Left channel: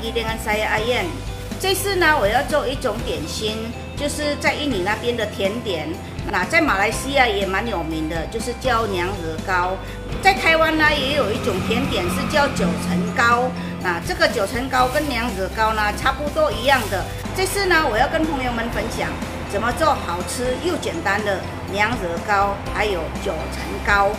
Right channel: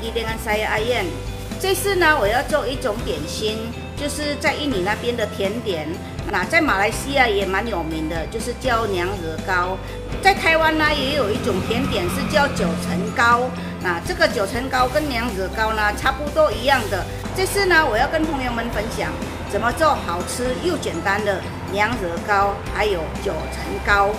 lagi dengan saya Ayen。这次呢，我要做一种点心，就是在印尼那边的甜点。那在马来西亚也蛮有名的，就是叫娘惹糕。在台湾呢，也有一种甜点是叫九层糕。那这个九层糕跟娘惹糕呢，差不多一样的。这次呢，我要跟朋友们分享怎么做好吃又简单的娘惹糕，还有九层糕。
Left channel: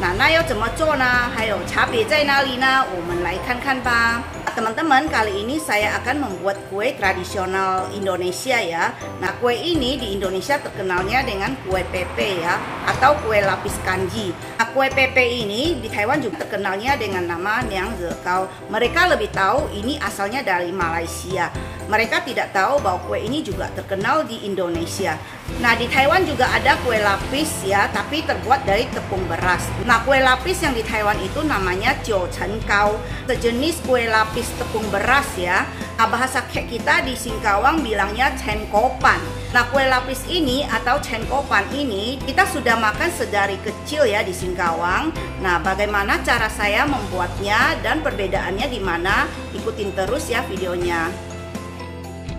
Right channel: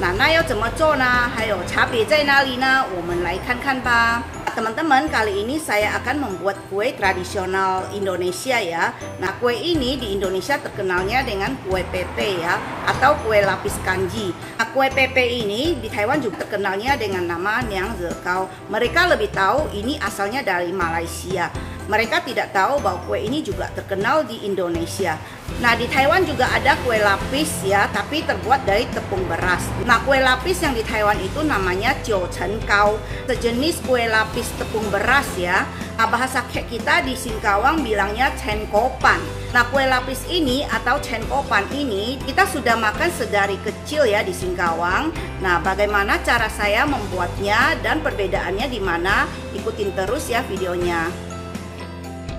那要怎么做呢？还有差别在哪里呢？我们来看看吧。Teman-teman, kali ini saya akan membuat kue tradisional Indonesia ya. Nah, kue ini di Indonesia terkenalnya dengan kue pepe ya, atau kue lapis kanji. Nah, kue pepe ini di Taiwan juga terkenalnya dengan nama Niang Re Gao. Mereka lebih tahu ini asalnya dari Malaysia. Mereka tidak tahu bahwa kue ini juga terkenal di Indonesia. Nah, di Taiwan juga ada kue lapis ya, tapi terbuat dari tepung beras. Nah, kue lapis yang di Taiwan itu namanya Jiu Chen Gao, sejenis kue lapis tepung beras ya. Nah, bahasa kita di Singkawang bilangnya Chen Kopan. Nah, kue lapis ini atau Chen Kopan ini kita sudah makan sedari kecil ya di Singkawang. Nah, bagaimana cara saya membuatnya dan perbedaannya di mana? Ikutin terus ya videonya.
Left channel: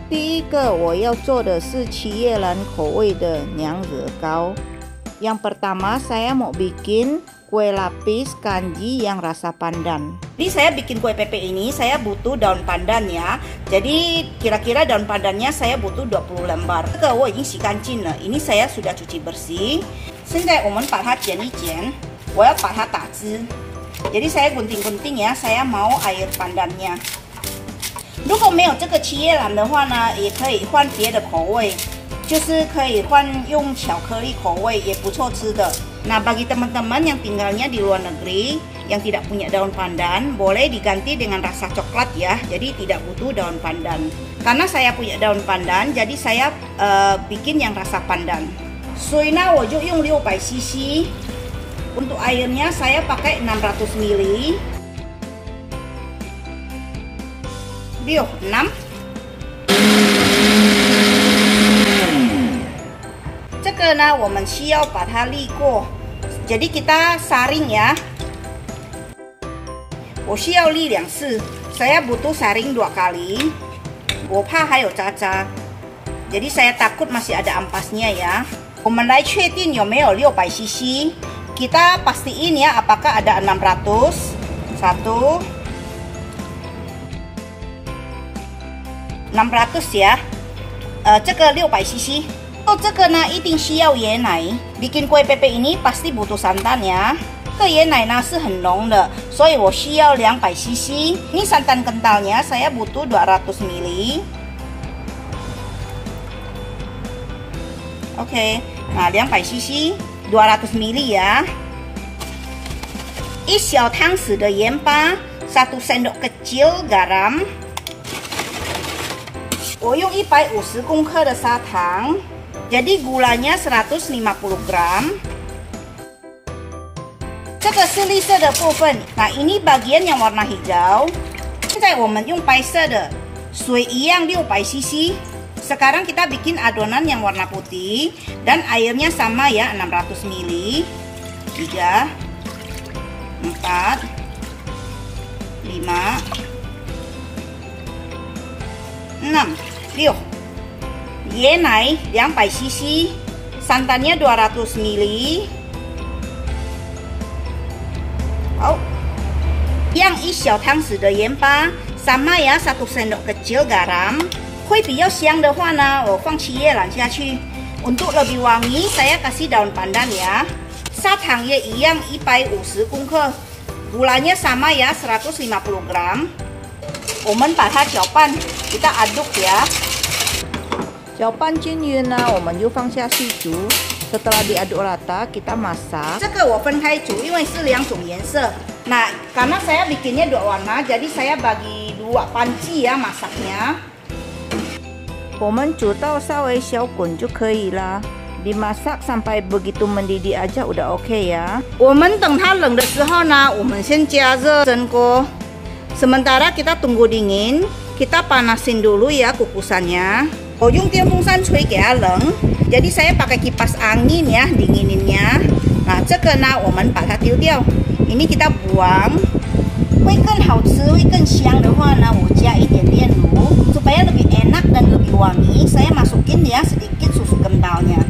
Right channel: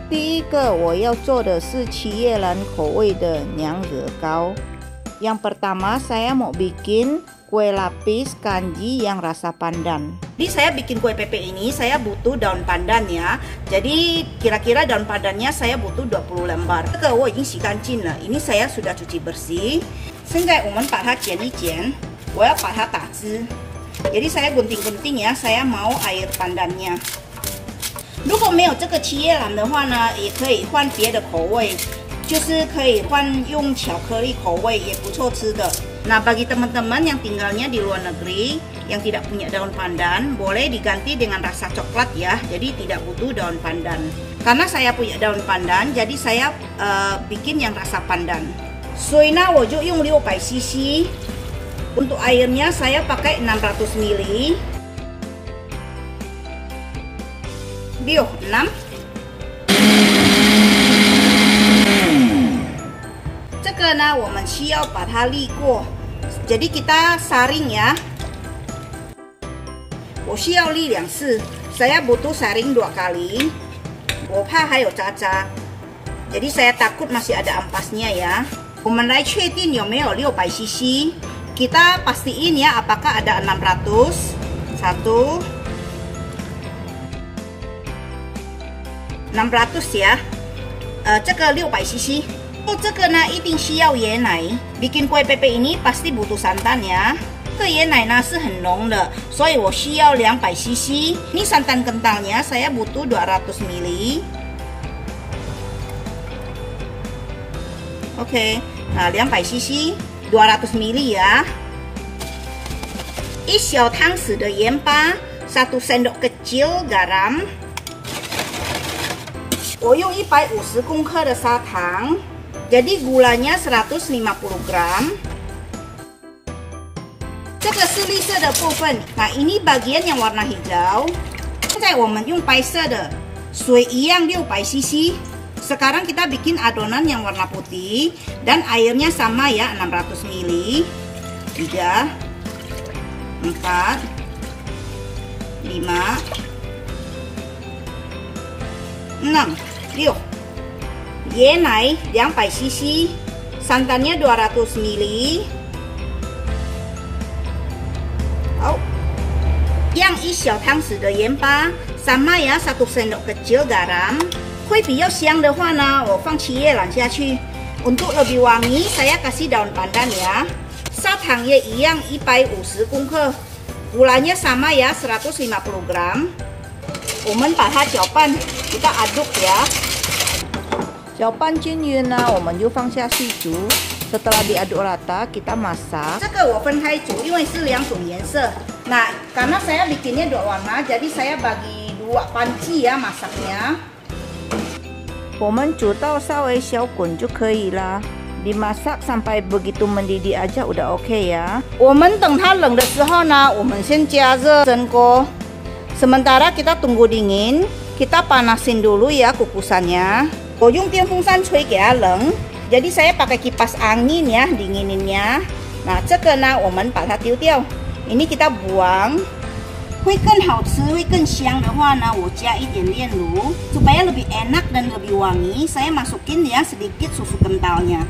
第一个我要做的是七叶兰口味的娘惹糕。Yang pertama saya mau bikin kue lapis kanji yang rasa pandan. Jadi saya bikin kue pepe ini saya butuh daun pandan ya. Jadi kira-kira daun pandannya saya butuh 20 lembar. 这个我已经洗干净了， ini saya sudah cuci bersih. 现在我们把它剪一剪，我要把它打汁。Jadi saya gunting-gunting ya, saya mau air pandannya. 如果没有这个七叶兰的话呢，也可以换别的口味，就是可以换用巧克力口味，也不错吃的。Nah, bagi teman-teman yang tinggalnya di luar negeri yang tidak punya daun pandan, boleh diganti dengan rasa coklat ya. Jadi tidak butuh daun pandan. Karena saya punya daun pandan, jadi saya bikin yang rasa pandan. 所以呢，我就用600 cc. Untuk airnya saya pakai 600 ml. 6 这个呢我们需要把它沥过 jadi kita saring ya. 我需要沥2次 saya butuh saring 2 kali. 我怕还有渣渣 jadi saya takut masih ada ampasnya ya. 我们来确定有没有600 cc. kita pastiin ya apakah ada 600. 1 600 ya. 这个600 cc. 这个呢一定需要椰奶 bikin kue pepe ini pasti butuh santan ya. 这个椰奶呢是很浓的，所以我需要200 cc. Ini santan kentalnya saya butuh 200 ml. Oke, nah 200 cc 200 ml ya. 1小汤匙的盐巴 1 sendok kecil garam. 我用150公克的砂糖 jadi gulanya 150 gram. 这个是绿色的部分 nah ini bagian yang warna hijau. 现在我们用白色的 水一样600 cc. sekarang kita bikin adonan yang warna putih dan airnya sama ya 600 ml. 3 4 5 6 6 椰奶200 cc. santannya 200 ml. 好，样1小汤匙的盐巴 sama ya 1 sendok kecil garam. 会比较香的话呢，我放七叶兰下去。Untuk lebih wangi saya kasih daun pandan ya. 砂糖也一样150公克 gulanya sama ya 150 gram. 我们把它搅拌 kita aduk ya. 搅拌均匀呢，我们就放下去煮。Setelah diaduk rata, kita masak. 这个我分开煮，因为是2种颜色。Nah, karena saya bikinnya 2 warna, jadi saya bagi 2 panci ya masaknya. 我们煮到稍微小滚就可以了。Dimasak sampai begitu mendidih aja udah oke ya. 我们等它冷的时候呢，我们先加热蒸锅。Sementara kita tunggu dingin, kita panasin dulu ya kukusannya. 我用电风扇吹给它冷， jadi saya pakai kipas angin ya dingininnya. Nah, 这个呢我们把它丢掉， ini kita buang. 会更好吃，会更香的话呢，我加一点炼乳 supaya lebih enak dan lebih wangi. Saya masukin ya sedikit susu kentalnya.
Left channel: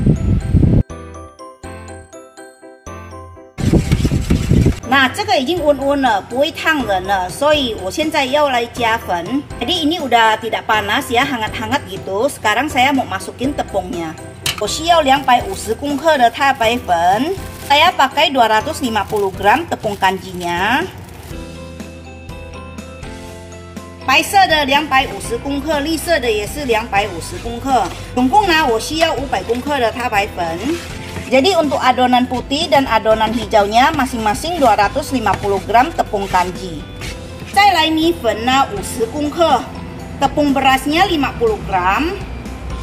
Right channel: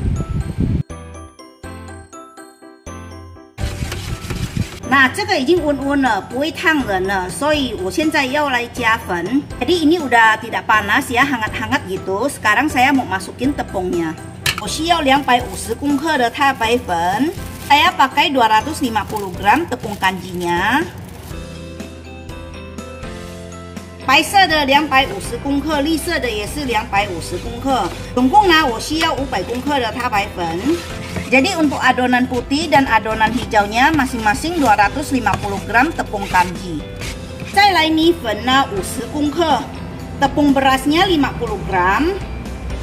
Nah, 这个已经温温了，不会烫人了，所以我现在要来加粉。Jadi ini udah tidak panas ya, hangat-hangat gitu. Sekarang saya mau masukin tepungnya. 我需要250公克的太白粉。Saya pakai 250 gram tepung kanjinya. 白色的250公克，绿色的也是250公克。总共呢，我需要500公克的太白粉。Jadi untuk adonan putih dan adonan hijaunya masing-masing 250 gram tepung kanji. 再来米粉呢50公克， tepung berasnya 50 gram.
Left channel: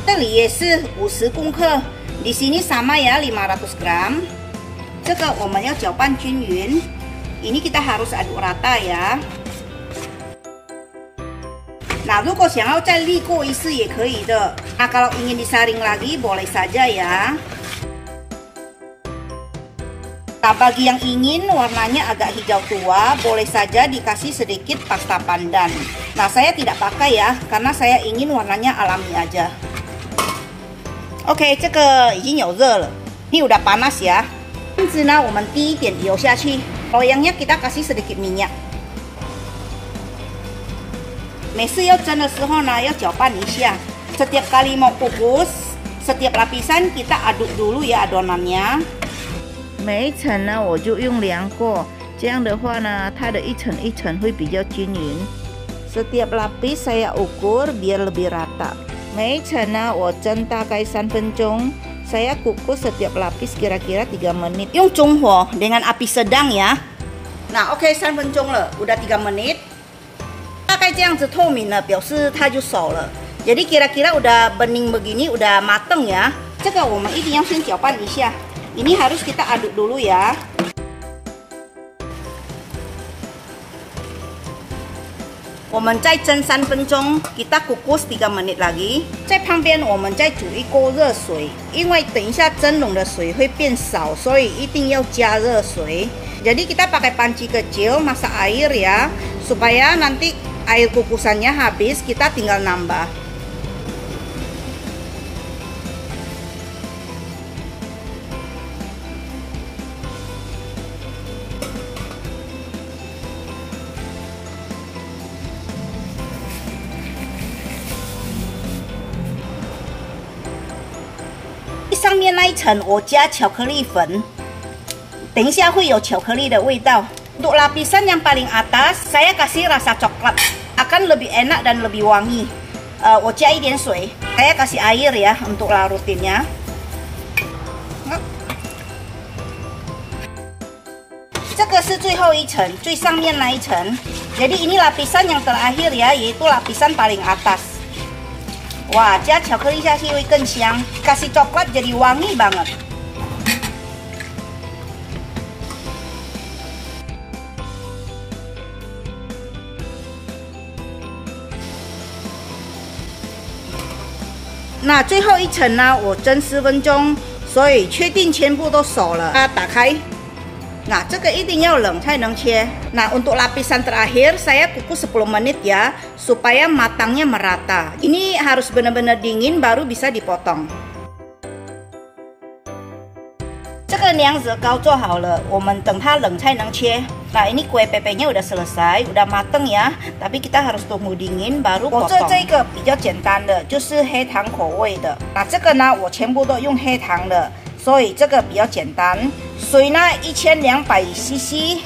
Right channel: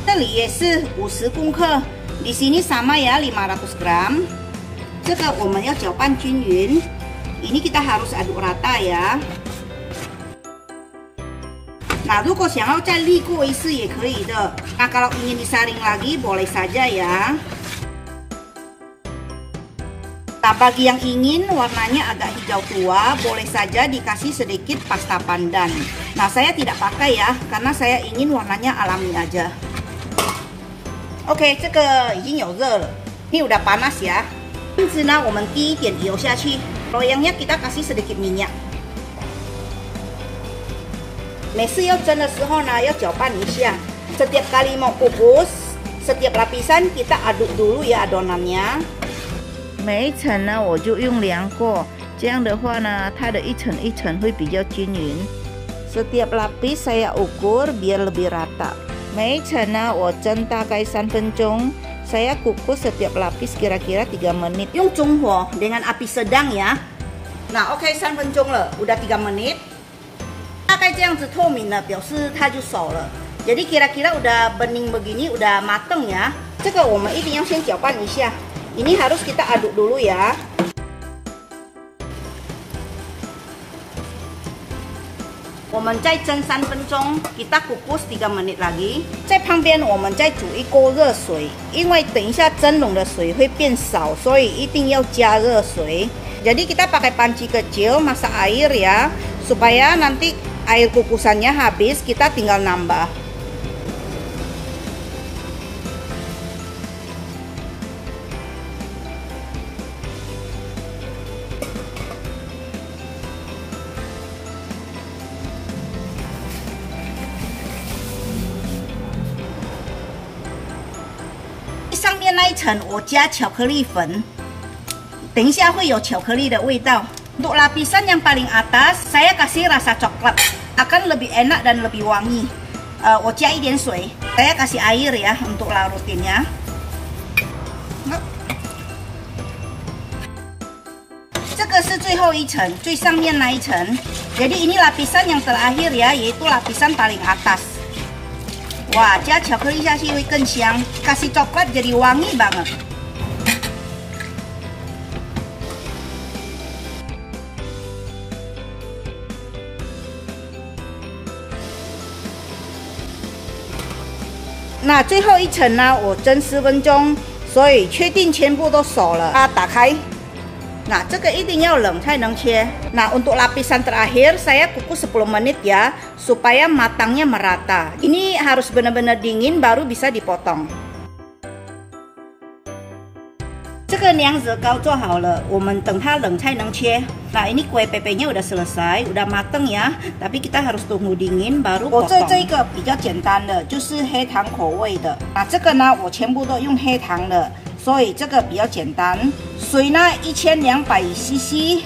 这里也是50公克， di sini sama ya 500 gram. 这个我们要搅拌均匀。Ini kita harus aduk rata ya. Nah, 如果想要再沥过一次也可以的。Nah, kalau ingin disaring lagi boleh saja ya. Nah, bagi yang ingin warnanya agak hijau tua, boleh saja dikasih sedikit pasta pandan. Nah, saya tidak pakai ya, karena saya ingin warnanya alami aja. Oke, 这个已经有热了， ini udah panas ya. 这样子呢，我们滴一点油下去， loyangnya kita kasih sedikit minyak. 每次要蒸的时候呢，要搅拌一下。Setiap kali mau kukus, setiap lapisan kita aduk dulu ya adonannya. 每一层呢，我就用量过，这样的话呢，它的一层一层会比较均匀。Setiap lapis saya ukur biar lebih rata. 每一层呢，我蒸大概3分钟。Saya kukus setiap lapis kira-kira 3 menit. 用中火 dengan api sedang ya. Nah, oke 3分钟了， udah 3 menit. 大概这样子透明了，表示它就熟了。Jadi kira-kira udah bening begini, udah mateng ya. 这个我们一定要先搅拌一下。Ini harus kita aduk dulu ya. 我们再蒸3分钟 kita kukus 3 menit lagi。 在旁边我们再煮一锅热水， 因为等一下蒸笼的水会变少， 所以一定要加热水。 Jadi kita pakai panci kecil masak air ya, supaya nanti air kukusannya habis, kita tinggal nambah. Di 上面那一层我加巧克力粉， 等一下会有巧克力的味道。 Untuk lapisan yang paling atas, saya kasih rasa coklat, akan lebih enak dan lebih wangi. 我加一点水， saya kasih air ya untuk larutinnya. 这个是最后一层，最上面那一层。Jadi ini lapisan yang terakhir ya, yaitu lapisan paling atas. Wah, 加巧克力下去会更香， kasih coklat jadi wangi banget. Nah, 最后一层呢，我蒸10分钟， 所以确定全部都熟了。打开。 Nah, 这个一定要冷才能切。 Nah, untuk lapisan terakhir saya kukus 10 menit ya, supaya matangnya merata. Ini harus benar-benar dingin baru bisa dipotong. 这个娘惹糕做好了， 我们等它冷才能切。 Nah, ini kue pepenya udah selesai, udah mateng ya. Tapi kita harus tunggu dingin baru potong. 我做这个比较简单的， 就是黑糖口味的。 那这个呢，我全部都用黑糖的， 所以这个比较简单。 水呢1200 cc.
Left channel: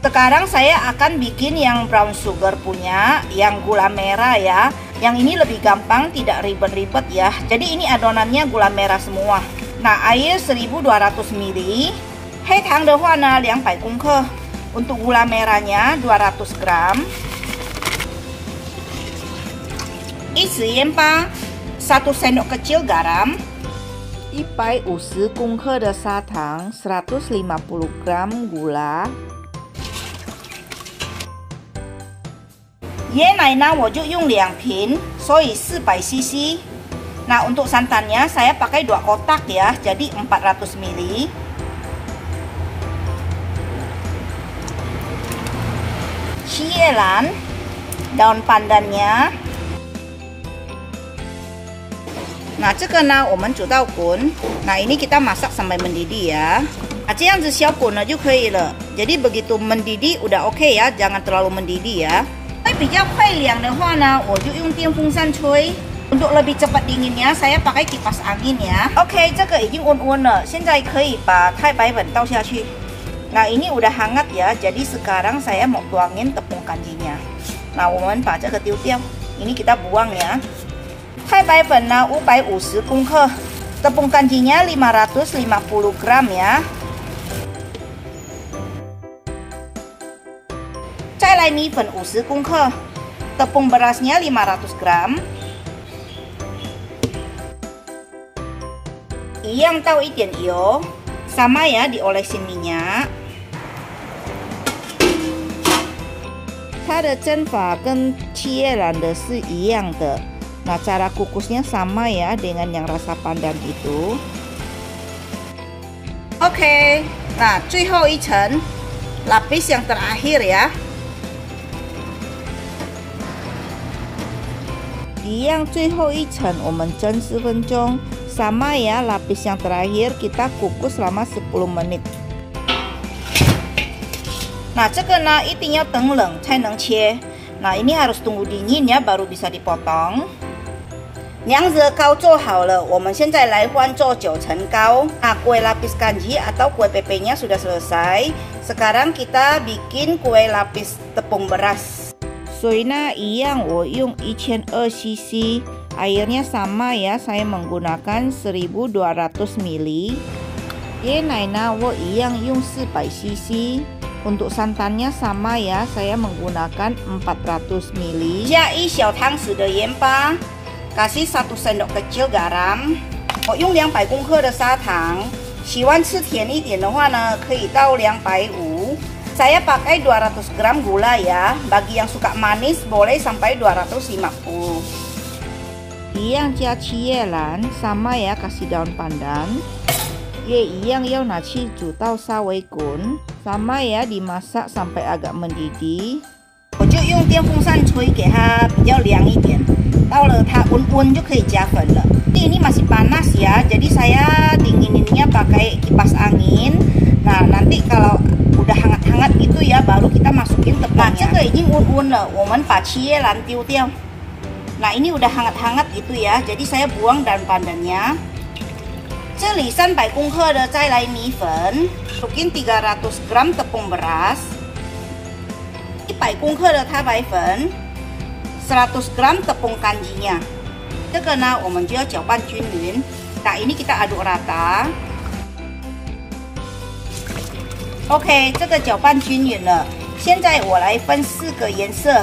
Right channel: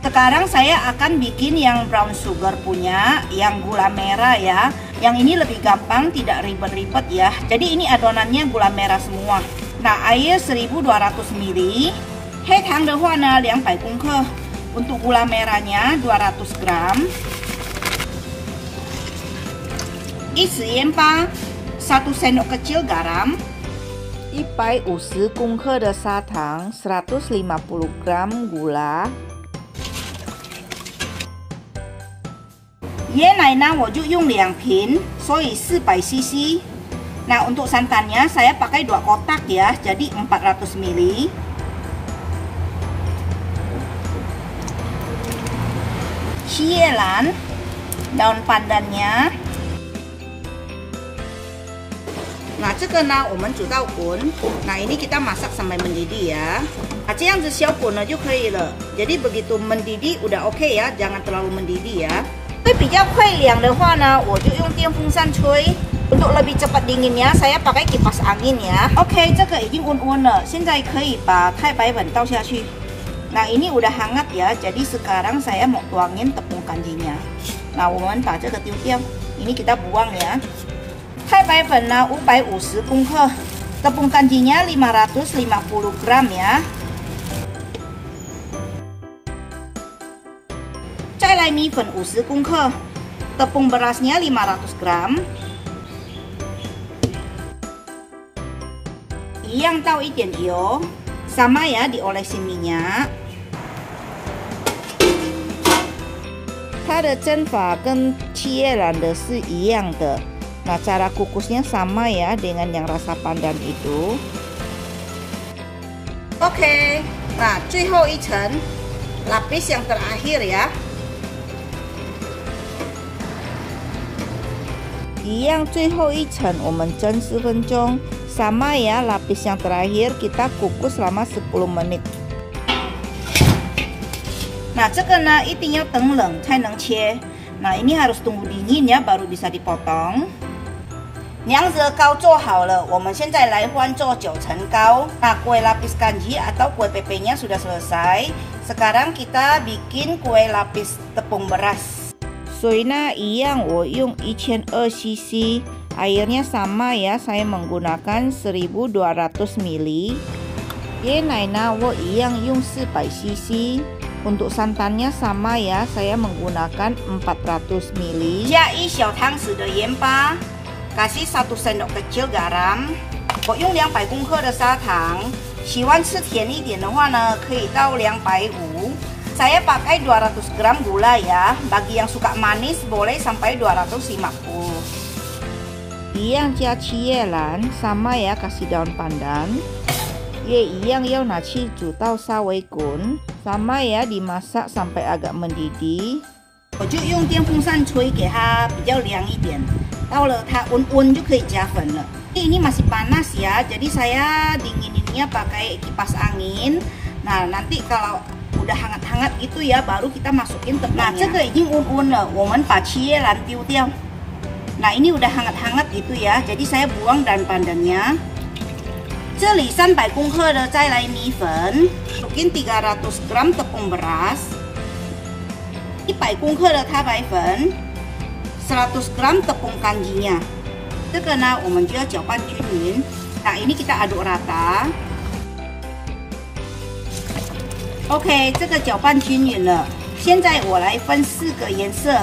Sekarang saya akan bikin yang brown sugar punya, yang gula merah ya. Yang ini lebih gampang, tidak ribet-ribet ya. Jadi ini adonannya gula merah semua. Nah, air 1200 ml. 黑糖的话呢200公克. Untuk gula merahnya 200 gram. 一匙盐巴, 1 sendok kecil garam. 150公克的砂糖, 150 gram gula. 椰奶呢，我就用2瓶， 所以400 cc. Nah, untuk santannya saya pakai 2 kotak ya, jadi 400 ml. cielan, daun pandannya. Nah, 这个呢，我们煮到滚。nah ini kita masak sampai mendidih ya. Nah, 这样子小滚了就可以了。jadi begitu mendidih udah oke ya, jangan terlalu mendidih ya. 会比较快凉的话呢，我就用电风扇吹。untuk lebih cepat dinginnya, saya pakai kipas angin ya. Oke, 这个已经温了，现在可以把太白粉倒下去。nah ini udah hangat ya, jadi sekarang saya mau tuangin tepung kanjinya. nah 我们把这个丢掉， ini kita buang ya. 太白粉呢550公克， tepung kanjinya 550 gram ya. 再来米粉50公克， tepung berasnya 500 gram. 一样倒一点油， sama ya diolesin minyak. 它的蒸法跟切兰的是一样的。 nah cara kukusnya sama ya dengan yang rasa pandan itu. Oke, nah 最后一层 lapis yang terakhir ya. 一样最后一层我们蒸10分钟 sama ya lapis yang terakhir kita kukus selama 10 menit. nah 这个呢一定要等冷才能切。nah ini harus tunggu dingin ya baru bisa dipotong. 娘惹糕做好了，我们现在来换做9层糕。nah kue lapis kanji atau kue pepenya sudah selesai. Sekarang kita bikin kue lapis tepung beras. 水呢一样，我用1200 cc， airnya sama ya, saya menggunakan 1200 ml. 椰奶呢我一样用400 cc。 untuk santannya sama ya, saya menggunakan 400 ml. 加1小汤匙的盐巴。 kasih 1 sendok kecil garam， 我用200公克的砂糖， 喜欢吃甜一点的话呢，可以到250。 saya pakai 200 gram gula ya, bagi yang suka manis boleh sampai 250。 一样加七叶兰 sama ya kasih daun pandan， 也一样要拿去煮到稍微滚 sama ya dimasak sampai agak mendidih。 我就用电风扇吹，给它比较凉一点。 到了它温就可以加粉了。ini masih panas ya, jadi saya dingininnya pakai kipas angin. nah nanti kalau udah hangat-hangat gitu ya, baru kita masukin tepungnya. nah 这个已经温了，我们把七叶兰丢掉。nah ini udah hangat-hangat gitu ya, jadi saya buang daun pandannya. 这里300公克的再来米粉， masukin 300 gram tepung beras， 100公克的太白粉。 100 gram tepung kanjinya， 这个呢我们就要搅拌均匀。nah ini kita aduk rata。OK， 这个搅拌均匀了。现在我来分4个颜色。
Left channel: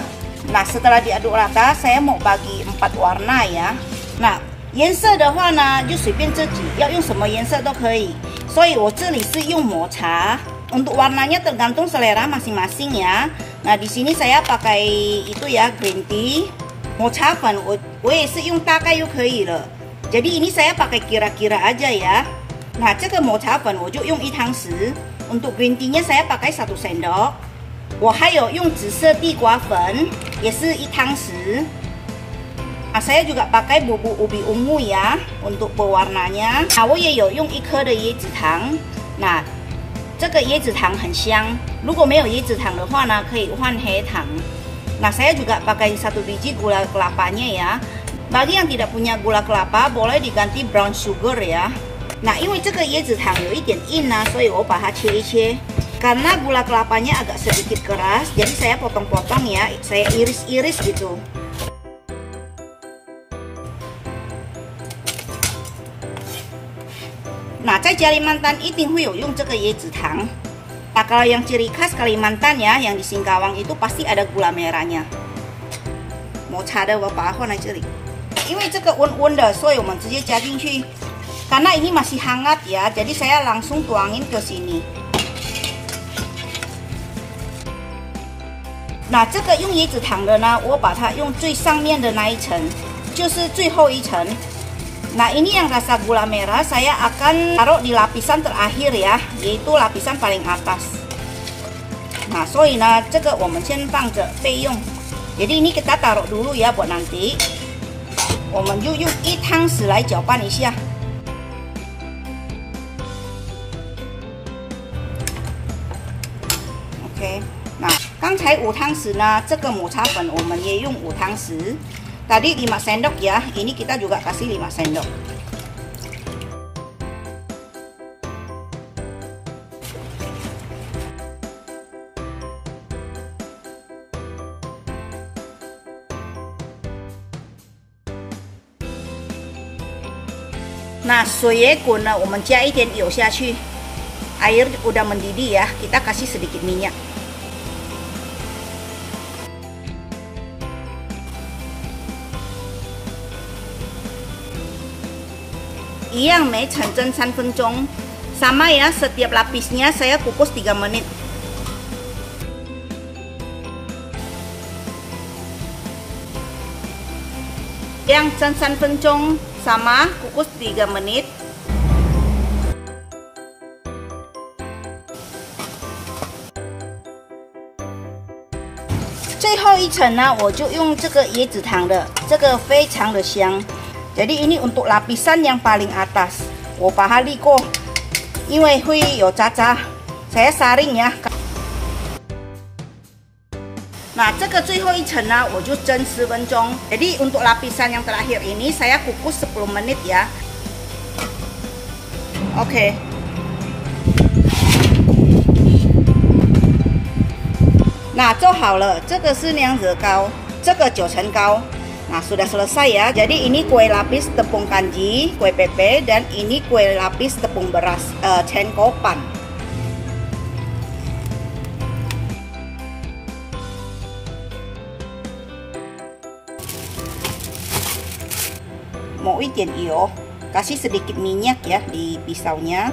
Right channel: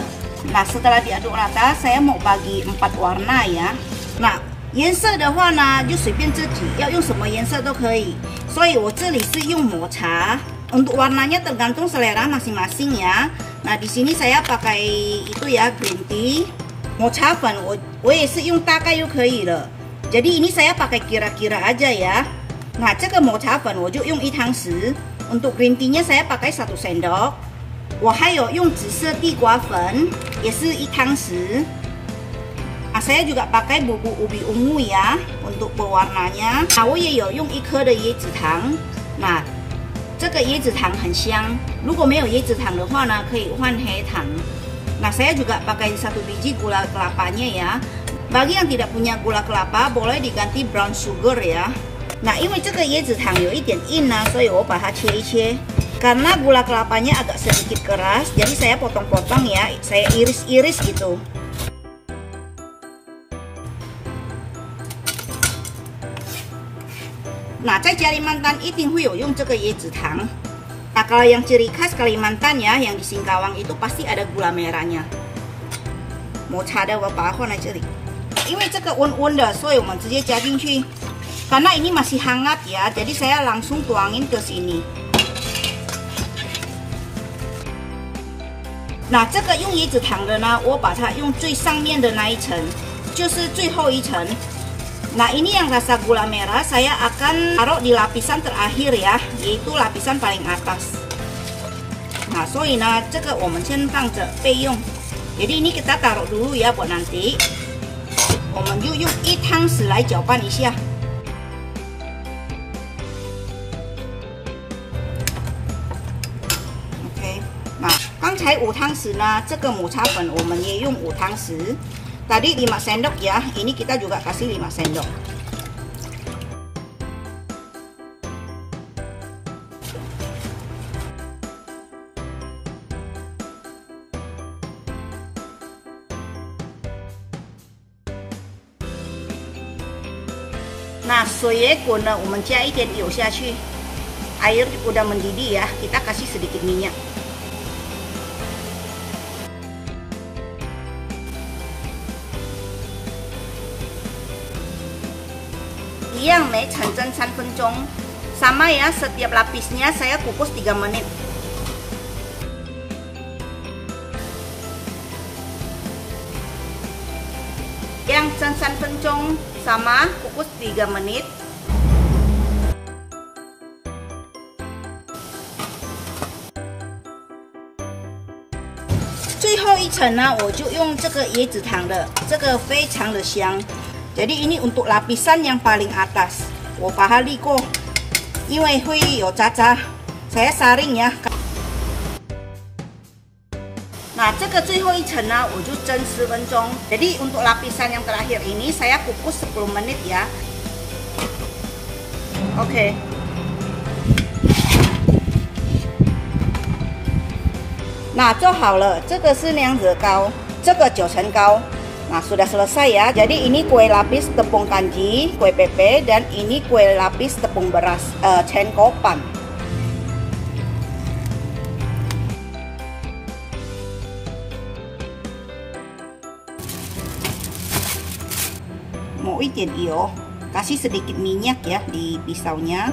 nah setelah diaduk rata， saya mau bagi 4 warna ya。nah 颜色的话呢，就随便自己要用什么颜色都可以。所以我这里是用抹茶。untuk warnanya tergantung selera masing-masing ya。 nah di sini saya pakai itu ya green tea， 抹茶粉我也是用大概就可以了。jadi ini saya pakai kira-kira aja ya。nah 这个抹茶粉我就用1汤匙。untuk green tea-nya saya pakai 1 sendok。我还有用紫色地瓜粉，也是1汤匙。nah saya juga pakai bubuk ubi ungu ya untuk pewarnanya。nah 我也有用1颗的椰子糖。nah 这个椰子糖很香，如果没有椰子糖的话呢，可以换黑糖。nah saya juga pakai 1 biji gula kelapanya ya. bagi yang tidak punya gula kelapa boleh diganti brown sugar ya。nah 因为这个椰子糖有一点硬啊，所以我把它切一切。karena gula kelapanya agak sedikit keras， jadi saya potong-potong ya， saya iris-iris gitu。 nah在Kalimantan 一定会有用这个椰子糖。nah kalau yang ciri khas Kalimantan ya, yang di Singkawang itu pasti ada gula merahnya。抹茶的我把它放在这里，因为这个温的，所以我们直接加进去。karena ini masih hangat ya, jadi saya langsung tuangin ke sini。那这个用椰子糖的呢，我把它用最上面的那一层，就是最后一层。nah ini yang rasa gula merah saya akan taruh di lapisan terakhir ya, yaitu lapisan paling atas. 所以呢，这个我们先放着备用。Jadi ini kita taruh dulu ya buat nanti。我们就用1汤匙来搅拌一下。OK， 那刚才5汤匙呢，这个抹茶粉我们也用5汤匙。Tadi 5 sendok ya, ini kita juga kasih 5 sendok. Nah, 水也滚了，我们加一点油下去。Air udah mendidih ya, kita kasih sedikit minyak. 一样没成蒸3分钟，sama ya setiap lapisnya saya kukus 3 menit. Yang 蒸3分钟 sama kukus 3 menit. 最后一层呢，我就用这个椰子糖的，这个非常的香。Jadi ini untuk lapisan yang paling atas. 我把它沥过，因为会有渣渣， saya saring ya. 那这个最后一层呢，我就蒸10分钟。Jadi untuk lapisan yang terakhir ini saya kukus 10 menit ya. Oke. 那做好了，这个是娘惹糕，这个9层糕。 Nah, sudah selesai ya. Jadi ini kue lapis tepung kanji, kue pepe, dan ini kue lapis tepung beras, cengkopan. Mau 一点油, kasih sedikit minyak ya di pisaunya.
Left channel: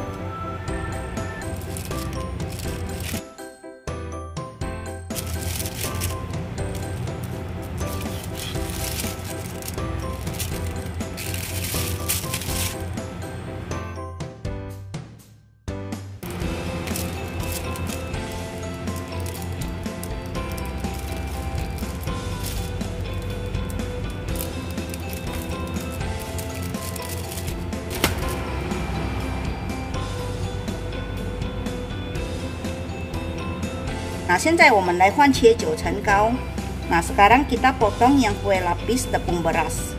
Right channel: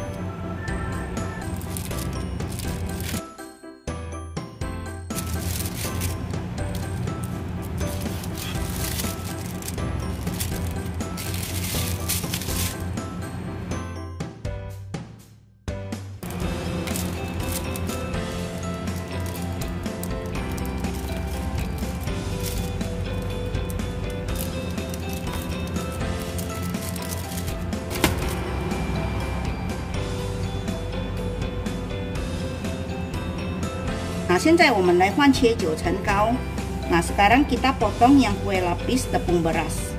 Nah, 现在我们来换切9层糕。Nah, sekarang kita potong yang kue lapis tepung beras.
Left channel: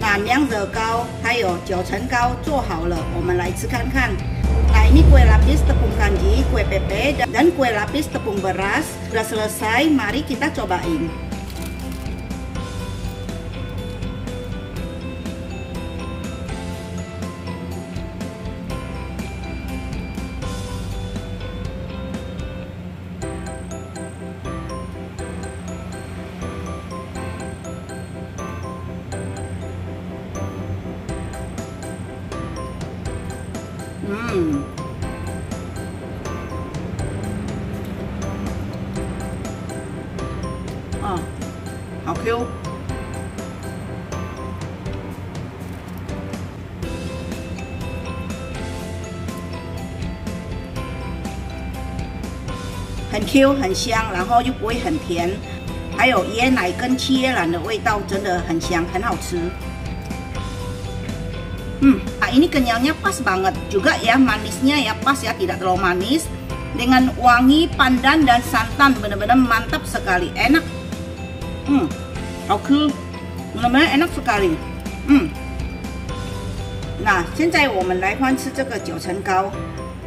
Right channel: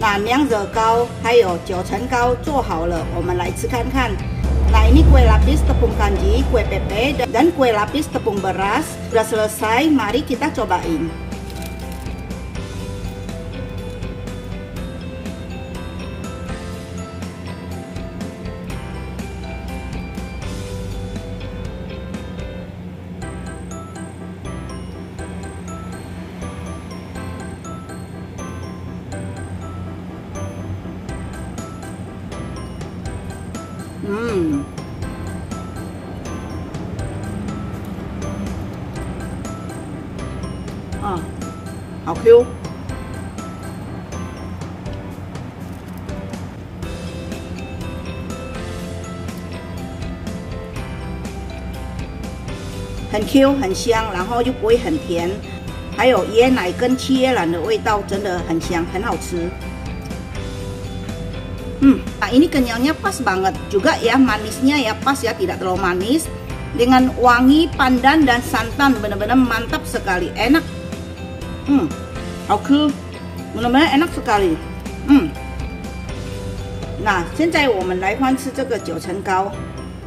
Nah, 娘惹糕还有9层糕做好了，我们来吃看看。Nah, ini kue lapis tepung kanji, kue pepe, dan kue lapis tepung beras sudah selesai. Mari kita cobain. À, 好 Q。很 Q 很香，然后又不会很甜，还有椰奶跟七叶兰的味道，真的很香，很好吃。Nah ini kenyalnya pas banget juga ya, manisnya ya pas ya, tidak terlalu manis, dengan wangi pandan dan santan, benar-benar mantap sekali, enak. 好吃，benar-benar enak sekali. 那现在我们来换吃这个9层糕，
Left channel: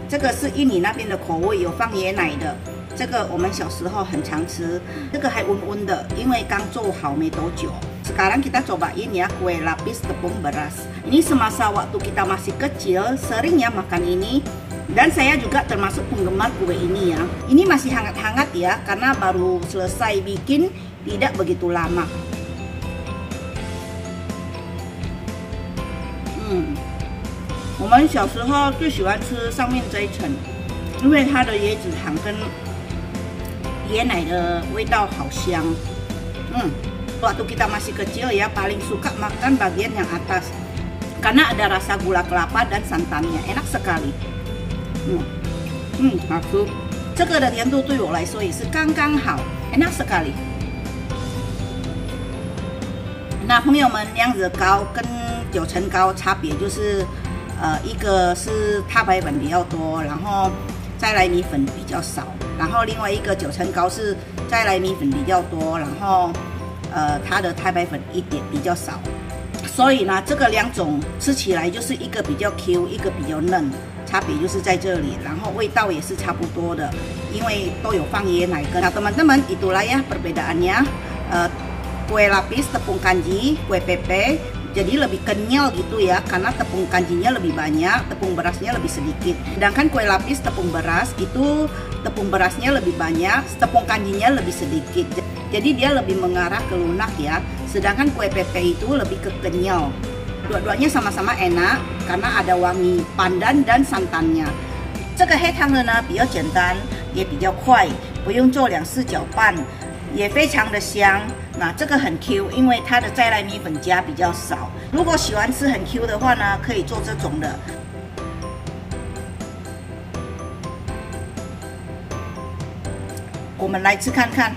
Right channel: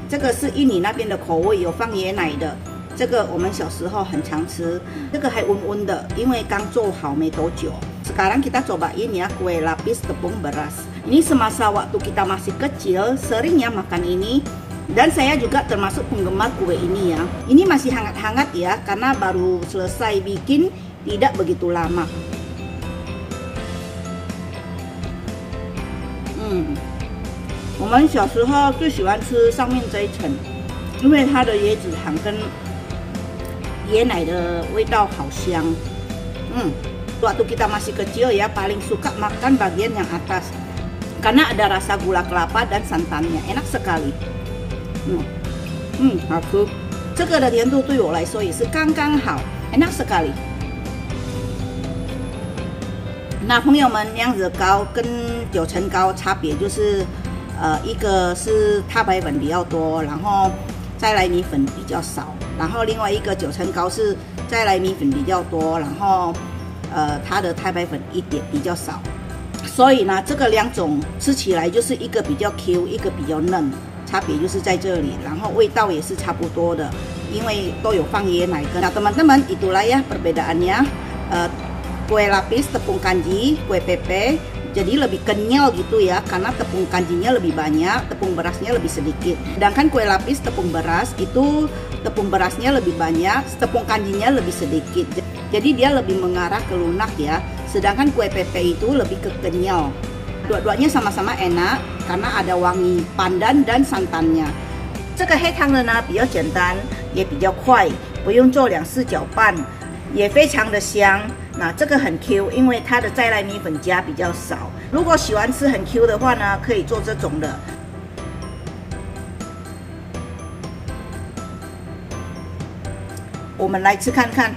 这个是印尼那边的口味，有放椰奶的。这个我们小时候很常吃，这个还温温的，因为刚做好没多久。Sekarang kita cobain ya kue lapis tepung beras. Ini semasa waktu kita masih kecil sering ya makan ini. Dan saya juga termasuk penggemar kue ini ya. Ini masih hangat-hangat ya karena baru selesai bikin tidak begitu lama. 我们小时候最喜欢吃上面这一层，因为它的椰子糖跟椰奶的味道好香。waktu kita masih kecil ya paling suka makan bagian yang atas karena ada rasa gula kelapa dan santannya, enak sekali。好吃。这个的甜度对我来说也是刚刚好，enak sekali。那朋友们，娘惹糕跟九层糕差别就是，一个是太白粉比较多，然后再来米粉比较少，然后另外一个九层糕是再来米粉比较多，然后它的太白粉一点比较少，所以呢，这个两种吃起来就是一个比较 Q， 一个比较嫩，差别就是在这里，然后味道也是差不多的，因为都有放椰奶跟。Nah teman-teman itulah ya perbedaannya. Kue lapis tepung kanji, kue pepe jadi lebih kenyal gitu ya karena tepung kanjinya lebih banyak, tepung berasnya lebih sedikit. Sedangkan kue lapis tepung beras itu tepung berasnya lebih banyak, tepung kanjinya lebih sedikit. Jadi dia lebih mengarah ke lunak ya. Sedangkan kue pepe itu lebih ke kenyal. Dua-duanya sama-sama enak karena ada wangi pandan dan santannya. 这个黑糖的呢比较简单，也比较快，不用做2次搅拌，也非常的香。那这个很 Q， 因为它的再来米粉加比较少。如果喜欢吃很 Q 的话呢，可以做这种的。我们来吃看看。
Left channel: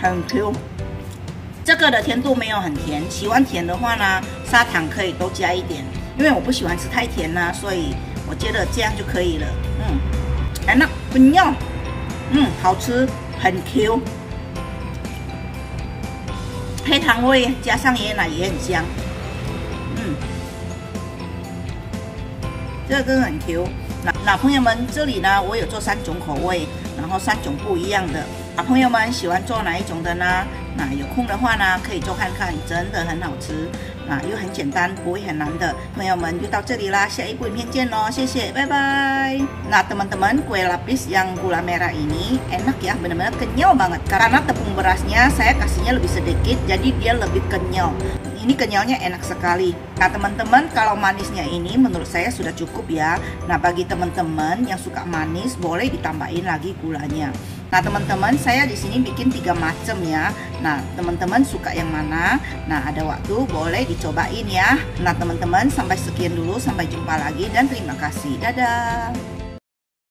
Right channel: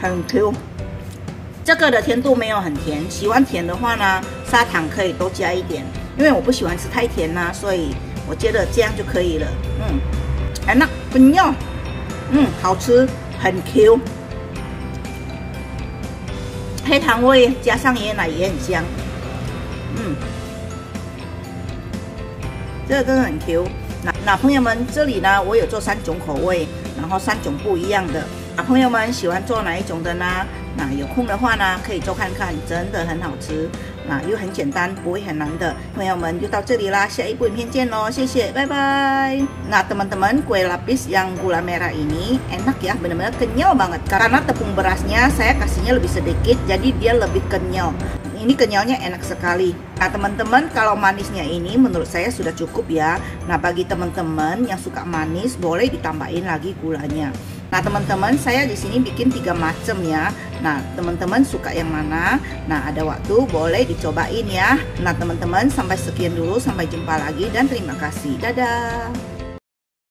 很 Q。这个的甜度没有很甜，喜欢甜的话呢，砂糖可以多加一点。因为我不喜欢吃太甜啦，所以我觉得这样就可以了。enak kenyal，好吃，很 Q， 黑糖味加上椰奶也很香，这个真的很 Q。那朋友们，这里呢我有做3种口味，然后3种不一样的。朋友们喜欢做哪一种的呢？那有空的话呢，可以做看看，真的很好吃。又很简单，不会很难的。朋友们就到这里啦，下一部影片见咯，谢谢，拜拜。Nah teman-teman, kue lapis yang gula merah ini enak ya, benar-benar kenyal banget. Karena tepung berasnya saya kasihnya lebih sedikit, jadi dia lebih kenyal. Ini kenyalnya enak sekali. Nah teman-teman, kalau manisnya ini menurut saya sudah cukup ya. Nah bagi teman-teman yang suka manis, boleh ditambahin lagi gulanya. Nah teman-teman, saya di sini bikin 3 macam ya. Nah teman-teman suka yang mana? Nah ada waktu boleh dicobain ya. Nah teman-teman, sampai sekian dulu, sampai jumpa lagi dan terima kasih. Dadah.